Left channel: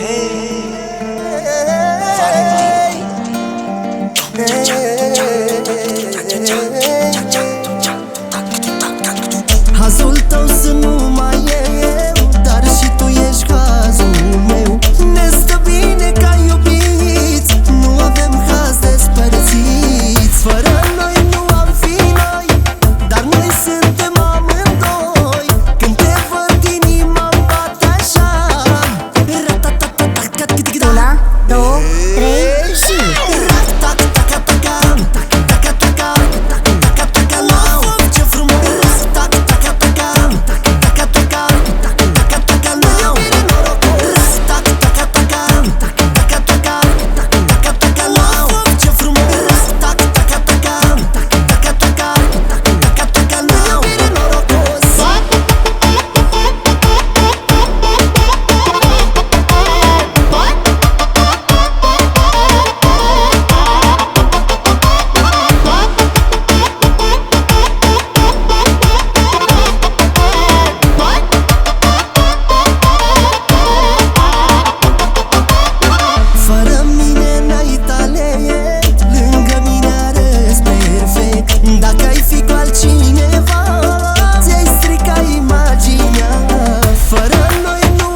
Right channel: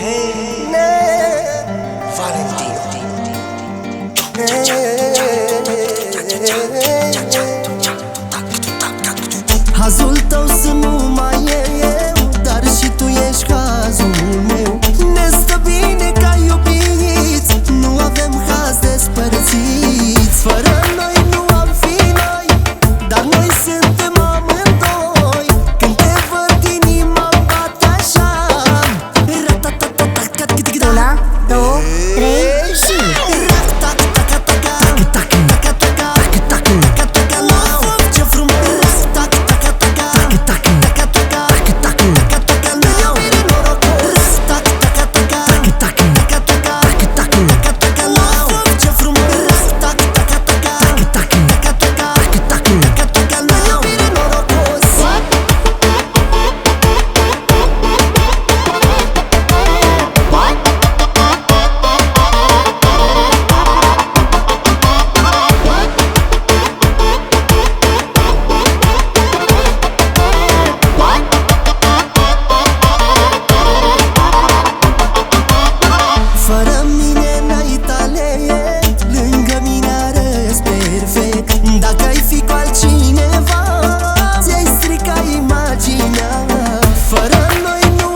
Hey, Valentino. Hazul tău sunt numai eu, dar și tu ești cazul meu. Ne stă bine ca iubiți, nu avem haz despărțiți. Fără noi nu am fi noi, dar noi suntem amândoi. Când te văd inima-mi bate așa. Una, două, trei și Ce frumos! Fără mine n-ai talent, lângă mine arăți perfect. Dacă ai fi cu altcineva, ți-ai strica imaginea. Fără noi nu